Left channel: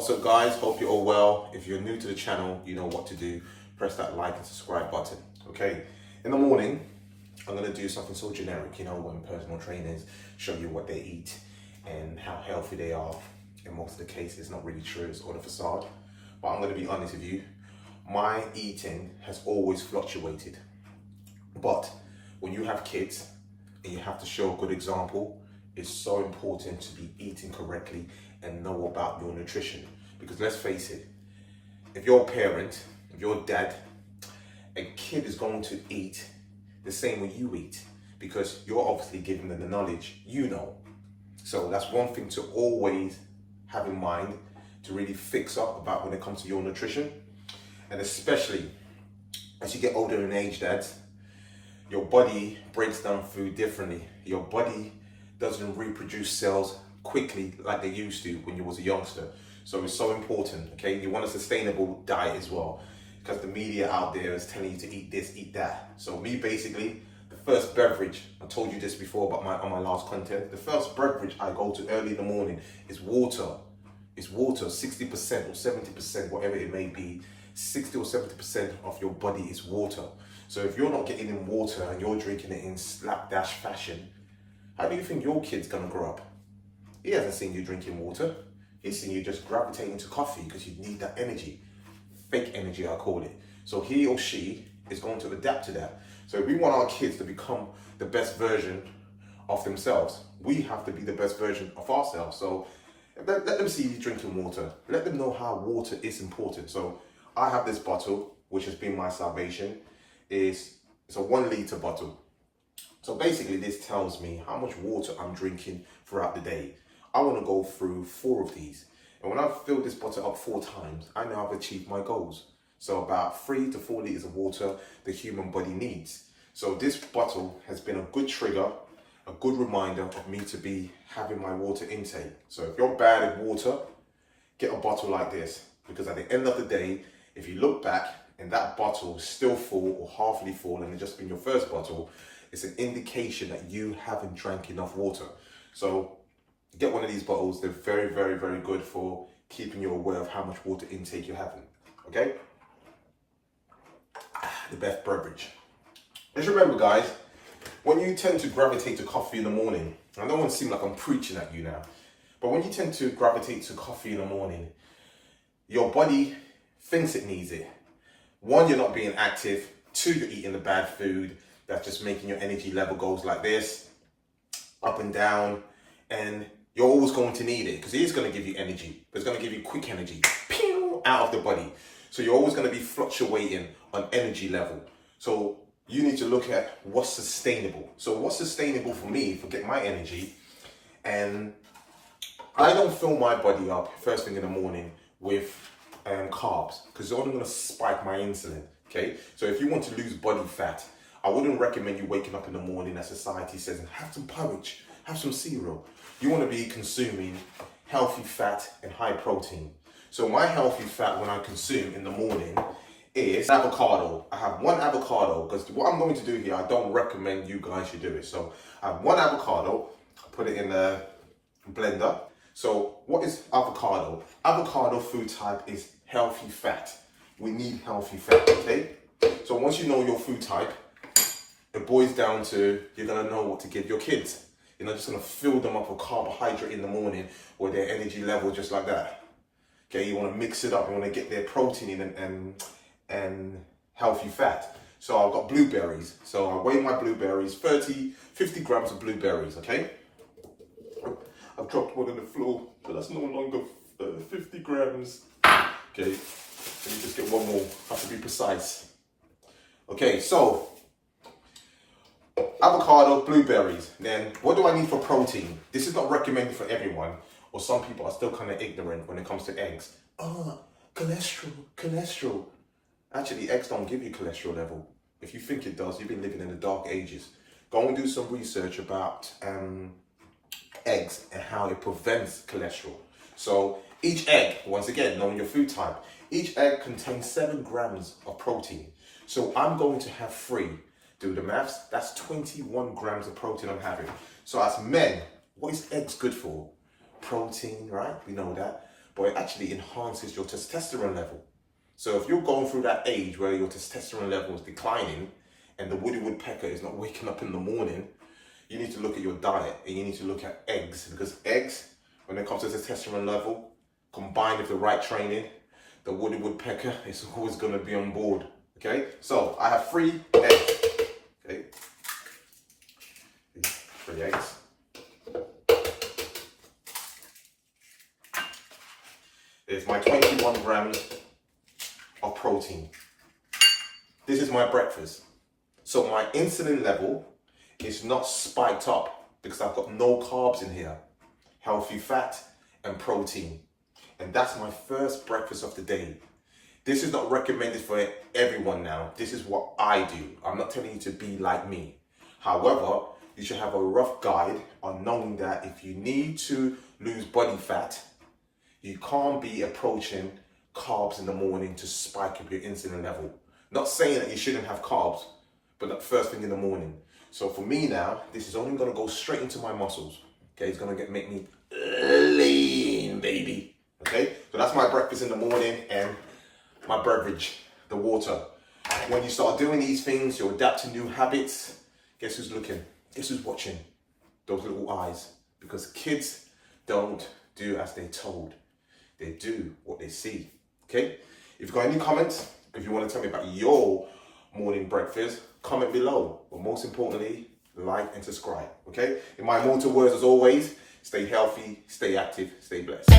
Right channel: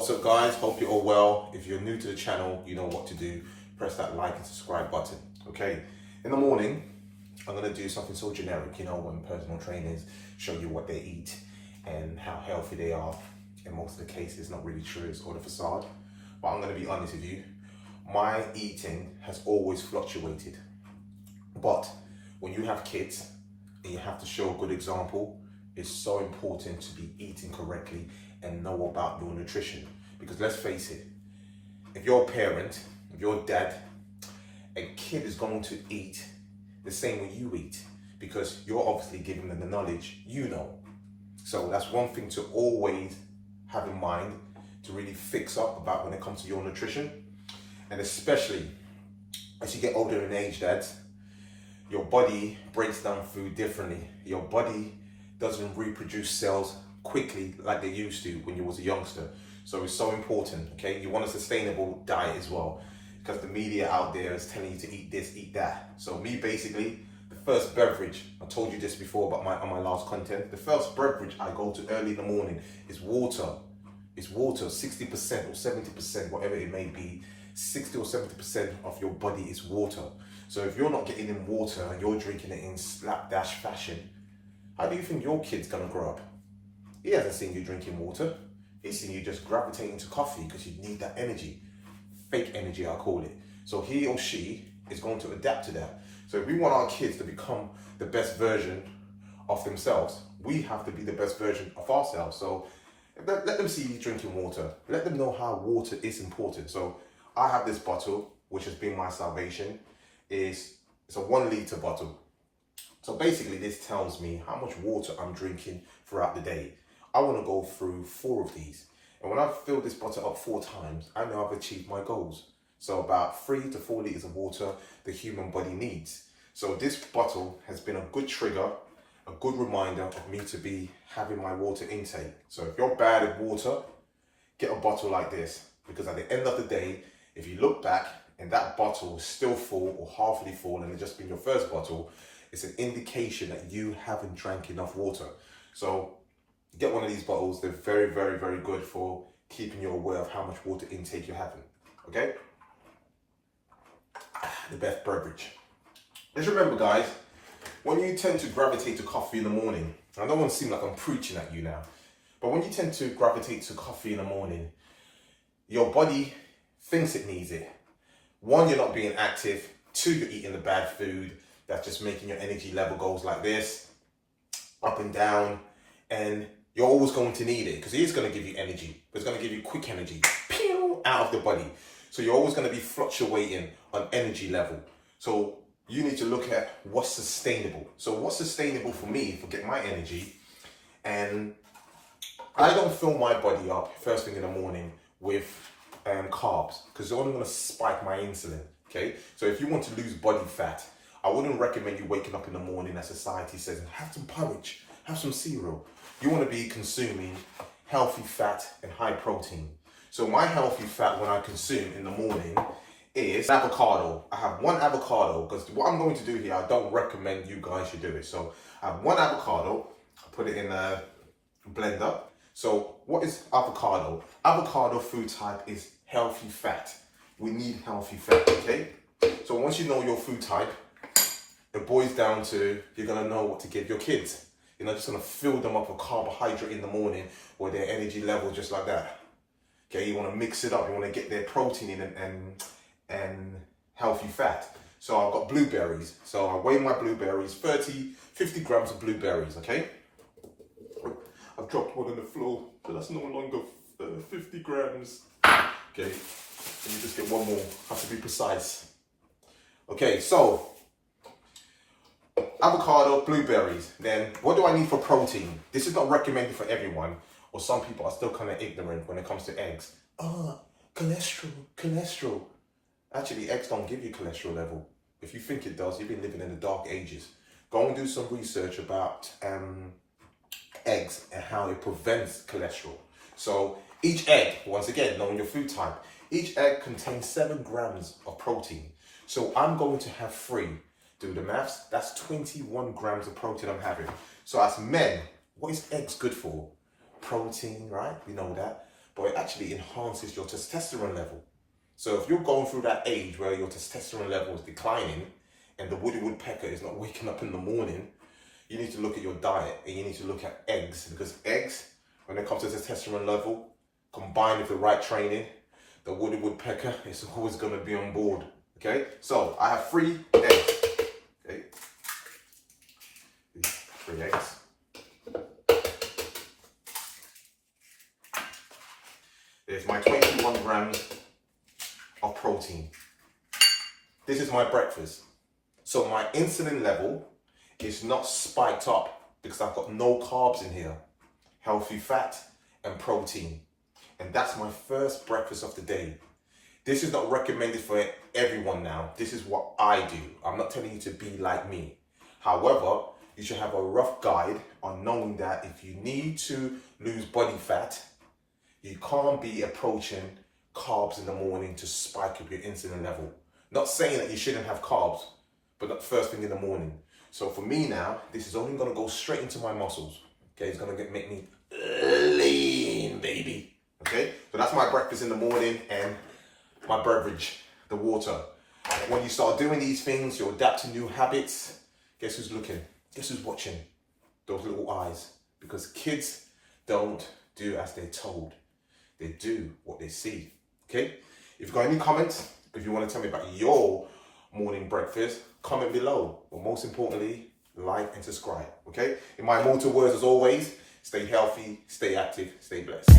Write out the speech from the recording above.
What's up guys, hope you're all well. If you're new to the channel, you know what to do. Press that like and subscribe button. Okay, in the morning, I'm gonna do something so generic, you know, when personal trainers show you what they eat and how healthy they are. In most of the cases, it's not really true, it's all the facade. But I'm gonna be honest with you, my eating has always fluctuated. But when you have kids and you have to show a good example, it's so important to be eating correctly and know about your nutrition. Because let's face it, if you're a parent, if you're a dad, a kid is going to eat the same way you eat because you're obviously giving them the knowledge you know. So that's one thing to always have in mind to really fix up about when it comes to your nutrition. And especially as you get older in age, dads, your body breaks down food differently. Your body doesn't reproduce cells quickly like they used to when you was a youngster. So it's so important, okay? You want a sustainable diet as well, because the media out there is telling you to eat this, eat that. So me, basically, the first beverage, I told you this before about on my last content, the first beverage I go to early in the morning is water. It's water, 60% or 70%, whatever it may be, 60 or 70% of your body is water. So if you're not getting in water and you're drinking it in slapdash fashion, how do you think your kid's gonna grow up? He hasn't seen you drinking water. He's seen you just gravitating to coffee because you need that energy. Fake energy, I call it. So he or she is going to adapt to that. So if we want our kids to become the best version of themselves, we have to be the best version of ourselves. So let them see you drinking water. Let them know how water is important. So I have this bottle, which has been my salvation. It's a 1 litre bottle. So basically this tells me how much water I'm drinking throughout the day. I want to go through 4 of these. And when I've filled this bottle up 4 times, I know I've achieved my goals. So about 3 to 4 litres of water the human body needs. So this bottle has been a good trigger, a good reminder of me to be having my water intake. So if you're bad at water, get a bottle like this. Because at the end of the day, if you look back and that bottle is still full or halfly full and it's just been your first bottle, it's an indication that you haven't drank enough water. So get one of these bottles. They're very, very, very good for keeping you aware of how much water intake you're having, okay? The best beverage. Just remember, guys, when you tend to gravitate to coffee in the morning, I don't want to seem like I'm preaching at you now, but when you tend to gravitate to coffee in the morning, your body thinks it needs it. 1, you're not being active. 2, you're eating the bad food. That's just making your energy level goes like this, up and down, and you're always going to need it because it is going to give you energy, but it's going to give you quick energy, pew, out of the body. So you're always going to be fluctuating on energy level. So you need to look at what's sustainable. So what's sustainable for me for getting my energy, and I don't fill my body up first thing in the morning with carbs because it's only going to spike my insulin. Okay, so if you want to lose body fat, I wouldn't recommend you waking up in the morning as society says and have some porridge, have some cereal. You want to be consuming healthy fat and high protein. So my healthy fat when I consume in the morning is avocado. I have 1 avocado because what I'm going to do here, I don't recommend you guys should do it. So I have 1 avocado, I put it in a blender. So what is avocado? Avocado food type is healthy fat. We need healthy fat, okay? So once you know your food type, it boils down to you're gonna know what to give your kids. You're not just gonna fill them up with carbohydrate in the morning or their energy level just like that. Okay, you wanna mix it up, you wanna get their protein in and healthy fat. So I've got blueberries. So I weigh my blueberries, 50 grams of blueberries, okay? I've dropped one on the floor, but that's no longer 50 grams. Okay, so you just get one more, have to be precise. Okay, so avocado, blueberries. Then what do I need for protein? This is not recommended for everyone, or some people are still kind of ignorant when it comes to eggs. Cholesterol. Actually, eggs don't give you cholesterol level. If you think it does, you've been living in the dark ages. Go and do some research about eggs and how it prevents cholesterol. So each egg, once again, knowing your food type, each egg contains 7 grams of protein. So I'm going to have 3. Do the maths, that's 21 grams of protein I'm having. So as men, what is eggs good for? Protein, right? We know that. but it actually enhances your testosterone level. So if you're going through that age where your testosterone level is declining and the woody woodpecker is not waking up in the morning, you need to look at your diet and you need to look at eggs, because eggs, when it comes to testosterone level, combined with the right training, the woody woodpecker is always going to be on board. Okay, so I have 3 eggs. Okay, 3 eggs. There's my 21 grams of protein. This is my breakfast. So my insulin level is not spiked up because I've got no carbs in here. Healthy fat and protein. And that's my first breakfast of the day. This is not recommended for everyone now. This is what I do. I'm not telling you to be like me. However, you should have a rough guide on knowing that if you need to lose body fat, you can't be approaching carbs in the morning to spike up your insulin level. Not saying that you shouldn't have carbs, but not first thing in the morning. So for me now, this is only gonna go straight into my muscles. Okay, it's gonna make me lean, baby. Okay, so that's my breakfast in the morning and my beverage, the water. When you start doing these things, you adapt to new habits. Guess who's looking? Guess who's watching? Those little eyes. Because kids don't do as they're told. They do what they see. Okay? If you've got any comments, if you want to tell me about your morning breakfast, comment below. But most importantly, like and subscribe. Okay? In my immortal words, as always, stay healthy, stay active, stay blessed.